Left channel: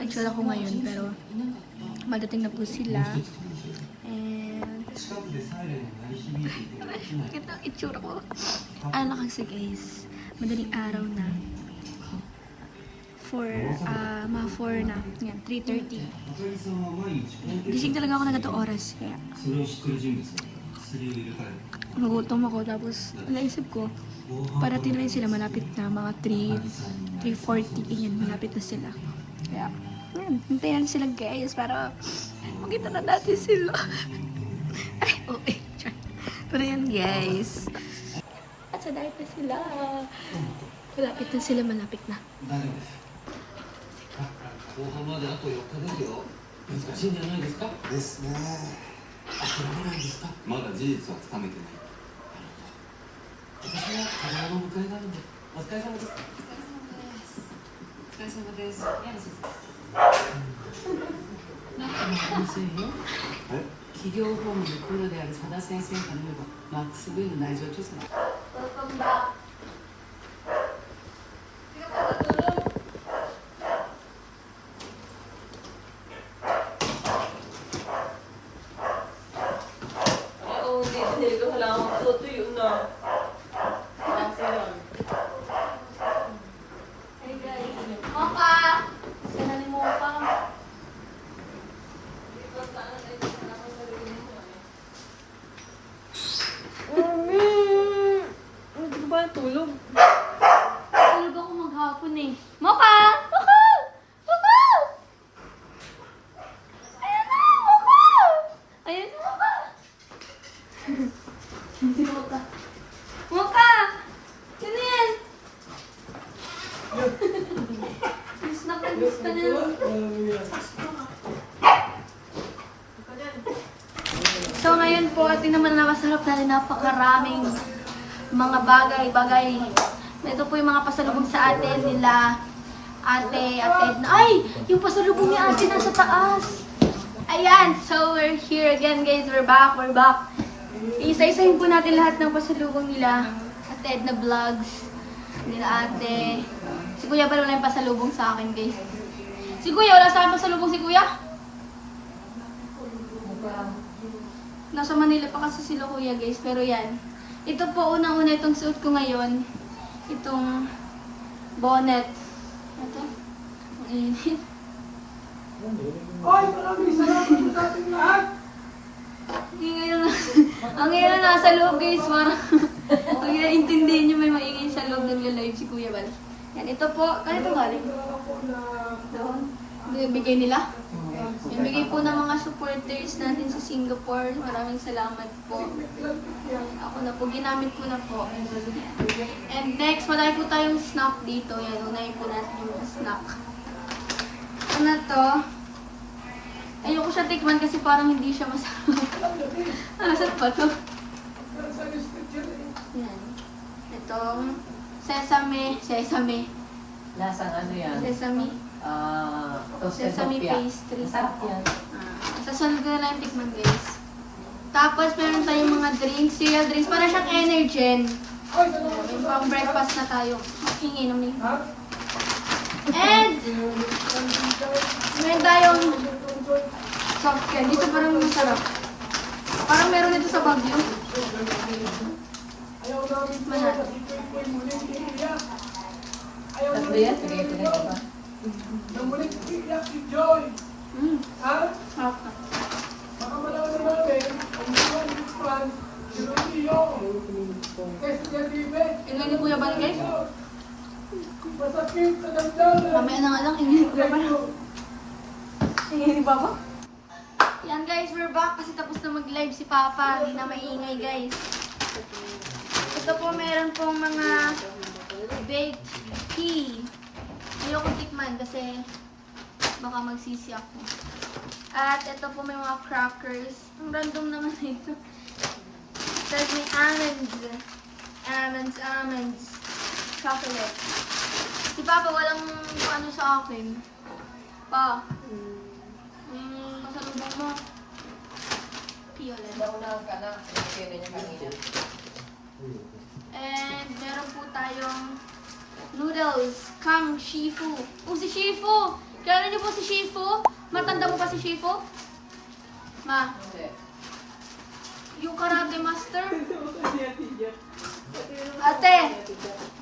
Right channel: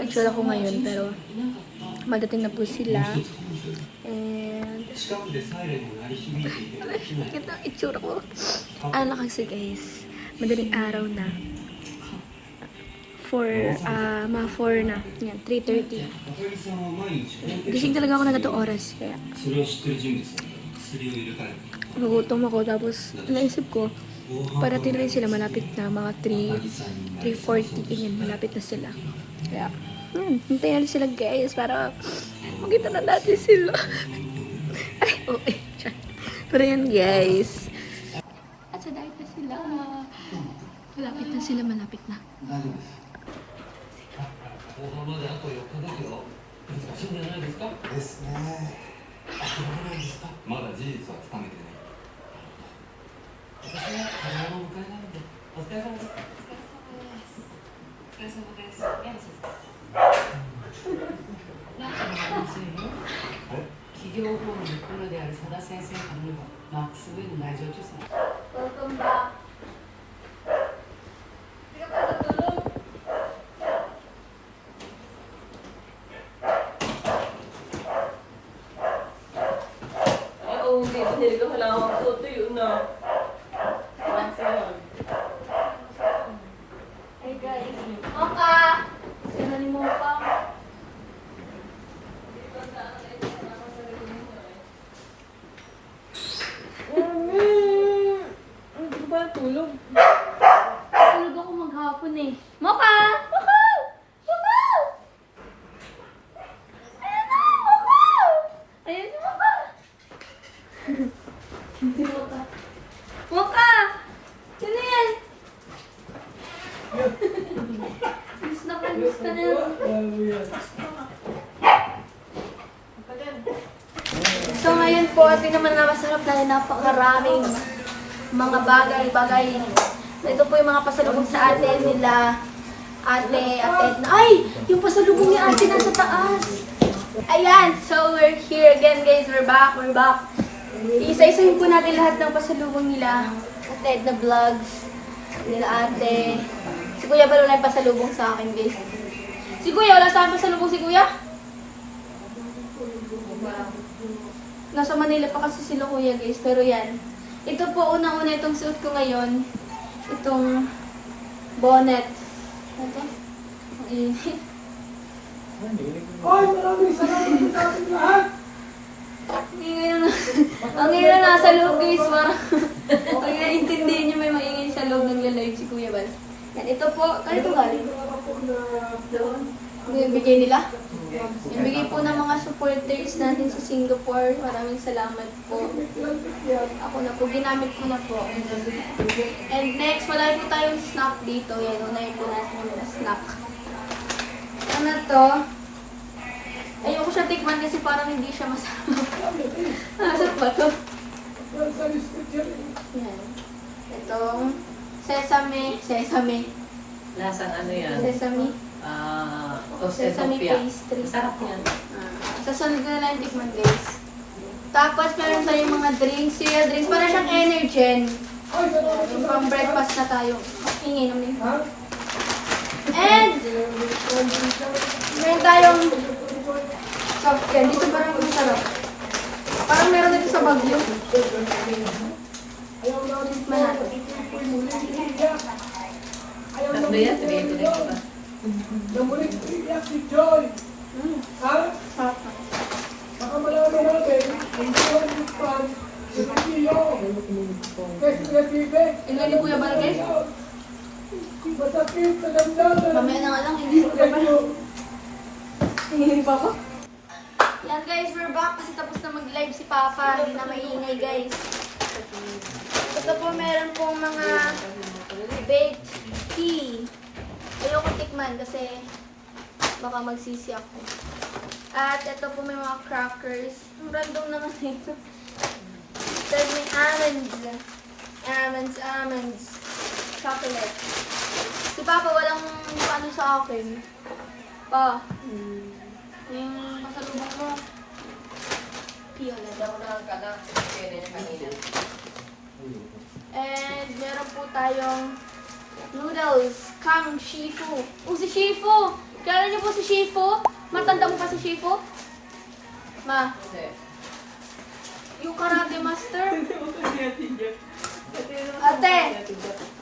ang itsura ko ngayon, pero madating na po sila. And ito ang itsura ko. Ano kasi guys, madaling araw na. Mga 4 na. Yan, 3:30. Gising talaga ako na ganitong oras. Kaya nagutom ako. Tapos naisip ko, parating na rin sila. Malapit na. Mga 3:40. Ganyan, malapit na sila. Kaya, yan. Hintayin na sila guys. Para makita na natin sila. Ay, okay. Pero yan guys. At sa diet na sila. Malapit na sila. Malapit na. 放送まであと4日ですよ。難しいんじゃないですか。ですね。あとどれぐらいですか。まだ事実はつかめてない。私は早いの迎えなので、お疲れ様です。お疲れ様です。企業法務のプロである佐田先生からのマックス V の内情調査。Welcome back. Hindi ko kailangan ko tuyo na. Hey guys, Mocha! Sino ni Mocha? Hindi ba tulog? Tulog ako maghapon eh. Mocha! Mocha! Mocha! Ayan na! Mocha! Ayan si Mocha! Hindi Mocha. Mocha! Sino yan? Miss na ka na. So ngayon po, atin naman napasarap natin napakaraming mga bagay-bagay. Ito po yung mga pasalubong sa atin nila ate at Edna. Ay! Yung pasalubong niya ate nasa taas. Ayan! So we're here again guys. We're back. Isa-isahin po natin lahat ng pasalubong nila at Edna Vlogs. Nila ate. Si Kuya pala wala yung pasalubong sa akin guys. Si Kuya, wala sa akin pasalubong si Kuya? Nasa Manila pa kasi sila Kuya guys. Pero yan. Ito po unang-una itong suot ko ngayon. Itong bonnet. Ito. Ang init. Hoy, maraming salamat po sa ating lahat! Ang ingay na nasa loob guys. Parang ang intindihin nyo may maingay sa loob ng live si Kuya Bal. Yan. Ito po. Kaya ito galing? Doon. Yung bigay nila. Yung bigay po ng mga supporters natin sa Singapore. Maraming salamat po. Ako na po. Ginamit ko na po. And next, wala po tayong snack dito. Yan. Unahin po natin yung mga snack. Ano to? Ayoko siya tikman kasi parang hindi siya masarap. Masarap ba to? Yan. Itong sesame. Lasang ano yan? Sesame. Sesame Topia. pastry. Sarap yan. Sasunod na lang tikman guys. Tapos meron tayong mga drinks. Cereal drinks. Para siyang Energen. Yung pang breakfast na tayo. Ingay naman yun. And meron tayong soft candy. Dito parang masarap. Parang meron dito sa Baguio. Tikman natin. Ano ba yan? Pinipili ko ba? Namulit iyak si Joy. Ha? Sarap. Baka malaman namin, hindi lang yung fan, si Rodillo. Kasi kreative. Ilan ni Kuya Bal guys? Masakit sa damdamin. Mamaya na nga lang. Hihiri pa ako. Yan guys, we're back kasi tapos na mag-live si Papa. Hindi na maingay guys. Ito po meron pong mga baked tea. Ayoko tikman kasi baka magsisi ako. At ito po may mga crackers. Ang random naman ito. Tapos may almonds. Chocolate. Si Papa walang ano sa akin. Pa. Pasalubok mo. Piola daw. And meron po tayong noodles, Kang Shifu. Oh, si Shifu! Kilala niyo po si Shifu? Matanda mo pa si Shifu? Ma, yung karate master? Ate,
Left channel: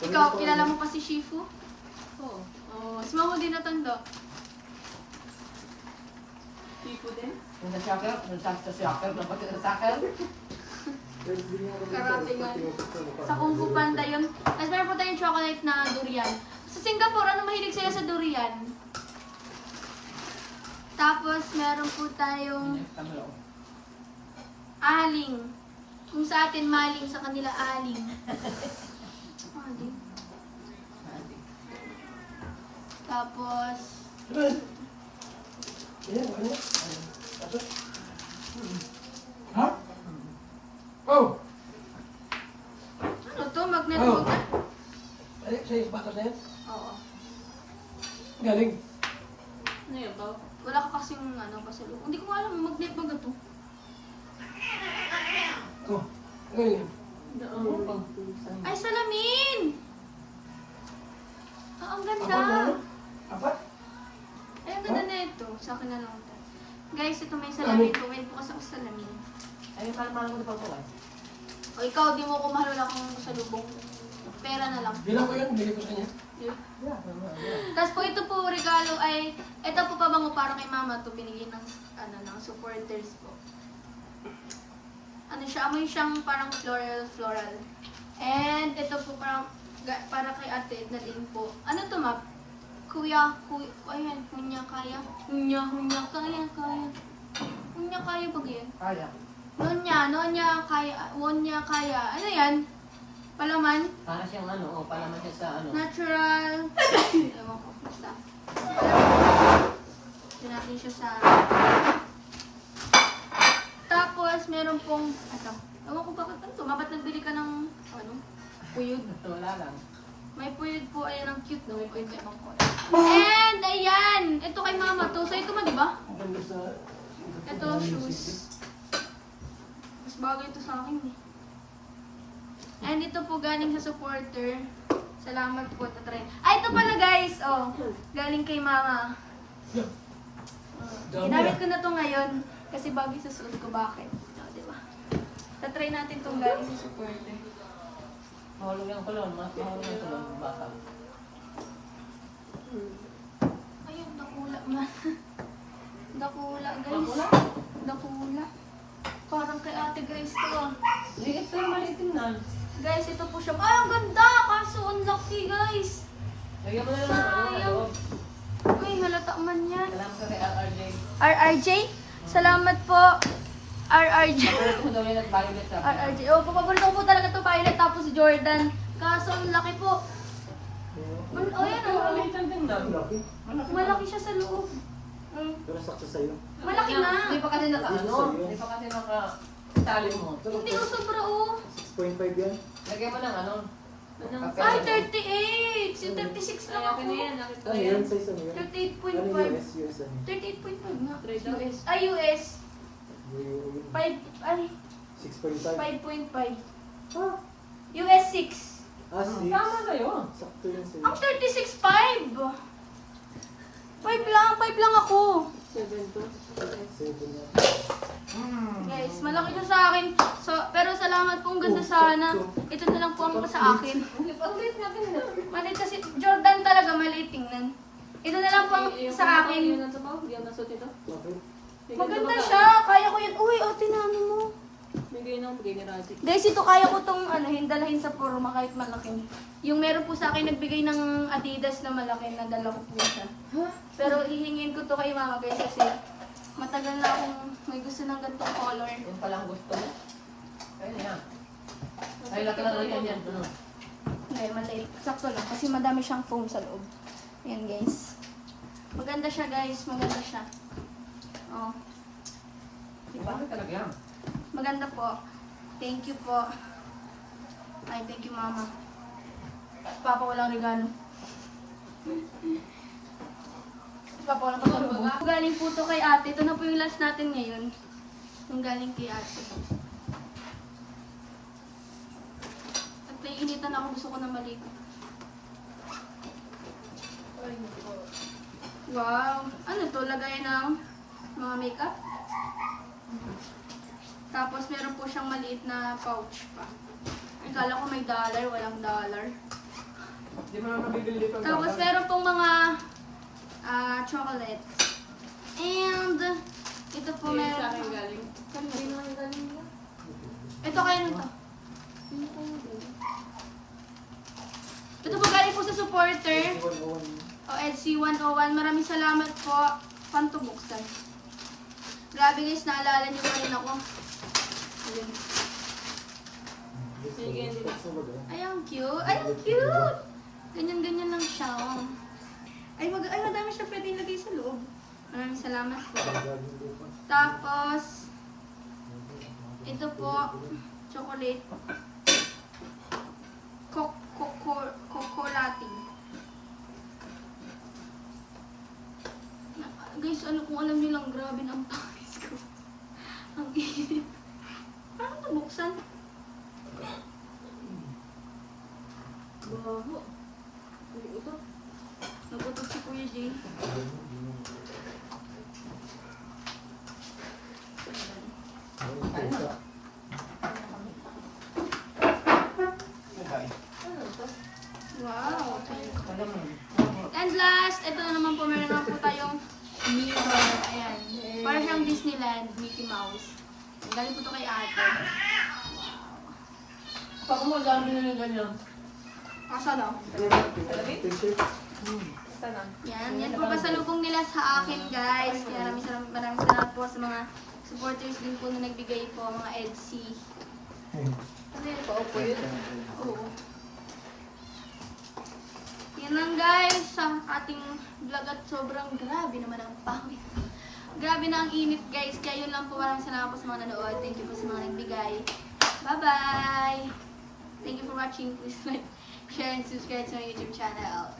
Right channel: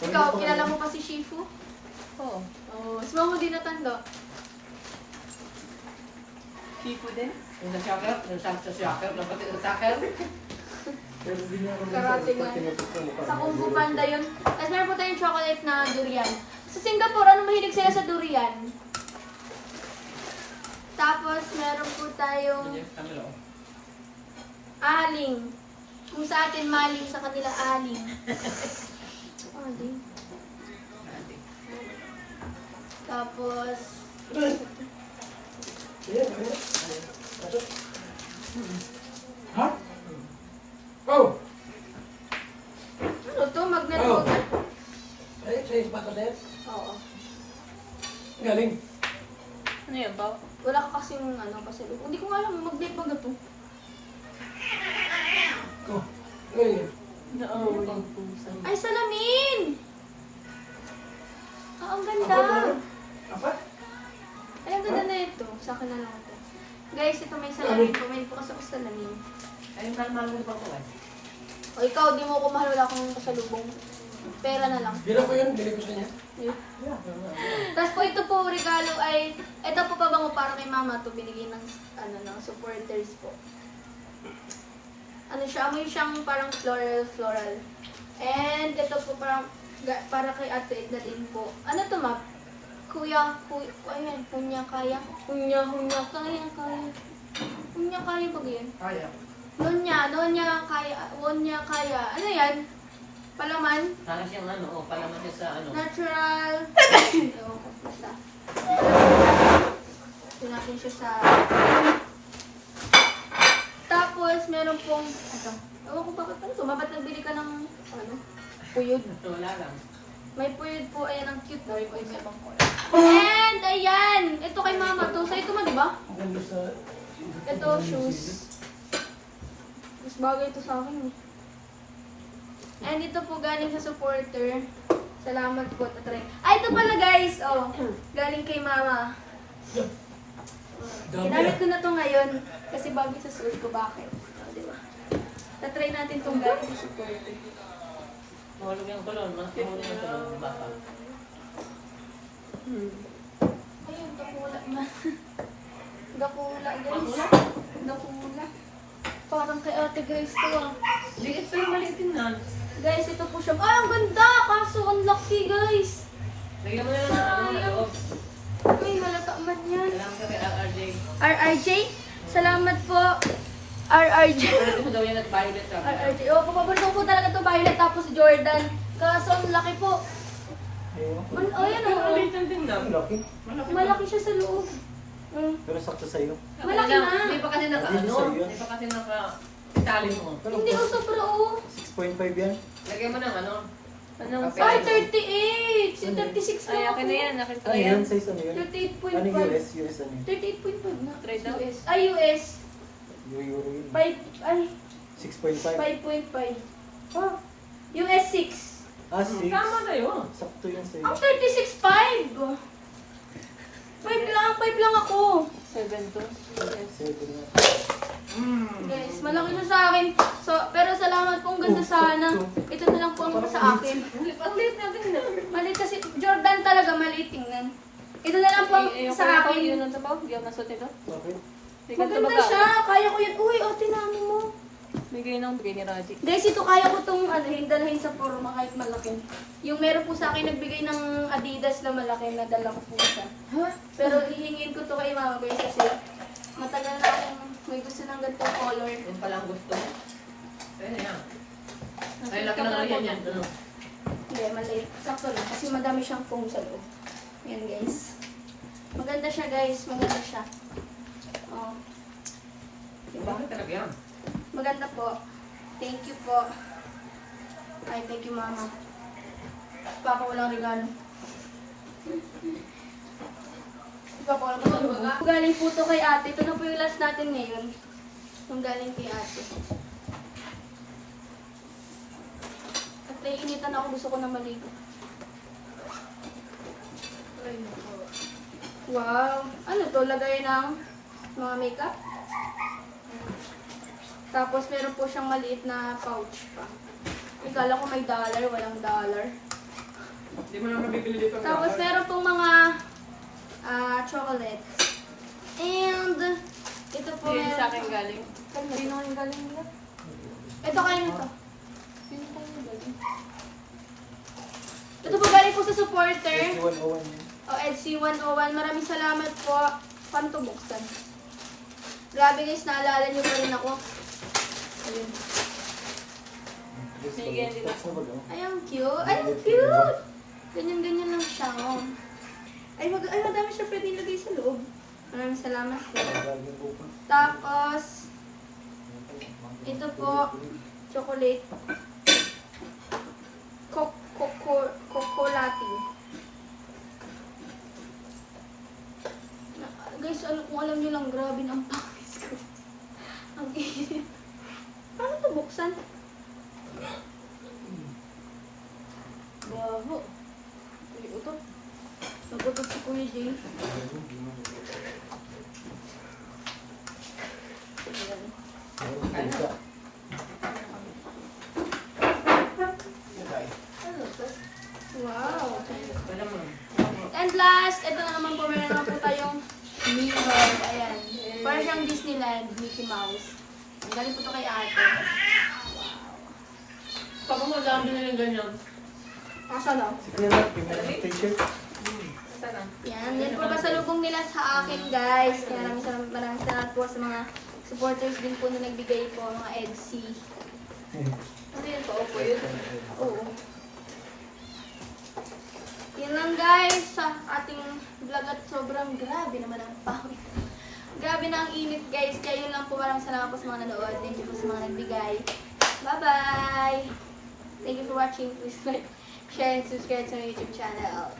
ikaw, kilala mo pa si Shifu? Oo. Oh, si Mama din natanda. Tipo din. Yung na-shocker, sa shocker, napati sa shocker. Karate nga. Sa Kung Fu Panda yun. Tapos meron po tayong chocolate na durian. Sa Singapore, ano mahilig sila sa durian? Tapos meron po tayong aling. Kung sa atin maling, sa kanila aling. Aling. Tapos, Ha? Oh! ano to? Magnet holder? Ay, sa isbata sa'yo? Oo. Galing. Ano yan ba? Wala ka kasing ano, pasalubong. Hindi ko nga alam, magnet ba to? Oh, galing. Ay, salamin! Ah, ang ganda! Apa? Ay, ang ganda na ito. Sa akin na lang ito. Guys, ito may salamin po. May po kasi ako salamin. Ayun pala mahal pa ko. O ikaw, di mo ako mahal. Wala kang pasalubong. Pera na lang. Bilang ko yun, bilang ko sa niya. Tapos po ito po, regalo ay, ito po pabango para kay mama to binigay ng, ano, ng supporters po. Ano siya, amoy siyang parang floral. And ito po parang, para kay Ate Edna din po. Ano to, map? Kuya, ayan, hunya kaya. Hunya, kaya. Hunya kaya pag yan. Kaya. Nonya, kaya. Ano yan? Palaman? Para siyang ano, o para siya sa ano. Natural. Ewan ko, basta. Palaman. Doon natin siya sa... Tapos, meron pong... Ito. Ewan ko bakit ano to. Ba't nagbili ka ng... Ano? Puyod. Ito, wala lang. May puyod po. Ayan, ang cute na po. Ay, may ibang color. And, ayan! Ito kay mama to. Sa ito man, di ba? Maganda sa... Ito, shoes. Mas bagay ito sa akin eh. And ito po galing sa supporter. Salamat po, tatry. Ay, ito pala guys. Oh, galing kay mama. Ginamit ko na to ngayon. Kasi bagay sa suot ko. Bakit? Oh, di ba? Tatry natin itong galing sa supporter. Mahulog yung tulong, mas mahulog yung tulong. Bakaw. Ayun, dakula man. Dakula guys. Dakula. Parang kay Ate Grace to ah. Liit pero malitin na. Guys, ito po siya. Ay, ang ganda! Kaso, ang laki guys. Lagyan mo na lang sa ano na loob. Ay, halata man yan. Alam ka kay RRJ. RRJ? Salamat po. RRJ. Ito daw yan at violet sabi. RRJ. Oh, papaborito ko po talaga ito Violet tapos Jordan. Kaso, ang laki po. Oh, yan oh. Maliit lang din na. Malaki siya sa loob. Pero sakto sa'yo. Malaki na. Hindi pa kasi naka ano. Hindi pa kasi naka tali mo. Hindi ko sobra oh. 6.5 yan. Lagay mo ng ano. Anong Ay, 38! Si 36 lang ako. Nakita Ano yan? Size ano yan? 38.5. Ano yung US? US ano yun? 38.5 na. US. Ay, US. Euro yun. 5, ay, 6.5. 5.5. US 6. Ah, 6. Tama sa'yo. Sakto yan sa'yo. Ang 36.5. 5 lang ako. 7 to. 7. Guys, malaki siya sa akin. So, pero salamat po, ang ganda sana. Ito na lang po ang sa akin. Ang liit na din na. Maliit kasi, Jordan talaga maliit tingnan. Ito na lang po ang sa akin. Yun ang sabaw. Hindi ako nasuot ito. Okay. Maganda siya, kaya ko yun. Uy, ate namin mo. Bigay ng bigay ni Raji. Guys, ito kaya ko tong dalahin sa forma kahit malaki. Yung meron po sa akin nagbigay ng Adidas na malaki, nadala ko po siya. Pero hihingin ko to kay mama guys kasi matagal na akong may gusto ng ganitong color. Yun pala ang gusto mo. Ayun yan. Ay, laki lang yan yan. Ano? Hindi, maliit. Sakto lang kasi madami siyang foam sa loob. Yan guys. Maganda siya guys, maganda siya. Oh. Diba? Bakit talaga yan? Maganda po. Thank you po. Ay, thank you mama. Papa, walang regalo. Papa, walang pasalubong. Galing po to kay ate. Ito na po yung last natin ngayon. Yung galing kay ate. At naiinitan ako. Gusto ko na maligo. Ay, nako. Wow. Ano to? Lagay ng mga makeup? Tapos meron po siyang maliit na pouch pa. Ikala ko may dollar, walang dollar. Hindi mo na mabibili dito. Tapos meron pong mga chocolates. And ito po Hindi meron. sa akin galing. Sino yung galing nila? Ito kayo na to. Ito po galing po sa supporter. 101 yun. O EDC101. Maraming salamat po. Paano to buksan? Grabe guys, naalala niyo pa rin ako. Ayun. Sige, dito. Ay, ang cute. Ay, ang cute! Ganyan-ganyan lang siya. Oh. Ay, madami siya pwede ilagay sa loob. Maraming salamat po. Tapos, ito po, chocolate. Cocolating. Guys, kung alam nyo lang, grabe na ang pangis ko. Ang init. Paano ito buksan? Bago. Nagutot si Kuya Jay. Wow. And last, ito na naman po, meron na po tayong Mickey Mouse. Ayan. Para siyang Disneyland, Mickey Mouse. Ang galing po ito kay ate. Wow. Pag madami na yung ganyan. Asa na? T-shirt. Sana. Yan po pasalubong nila sa akin, guys. Kaya maraming salamat po sa mga supporters din po na nagbigay po, mga EDC. Ano yun po? Okay. Oo. Yan lang guys, sa ating vlog at sobrang grabe naman ang pawis. Grabe na ang init guys, kaya yun lang po. Maraming salamat po sa mga nanood. Thank you po sa mga nagbigay. Bye-bye! Thank you for watching. Please like, share, and subscribe to my YouTube channel.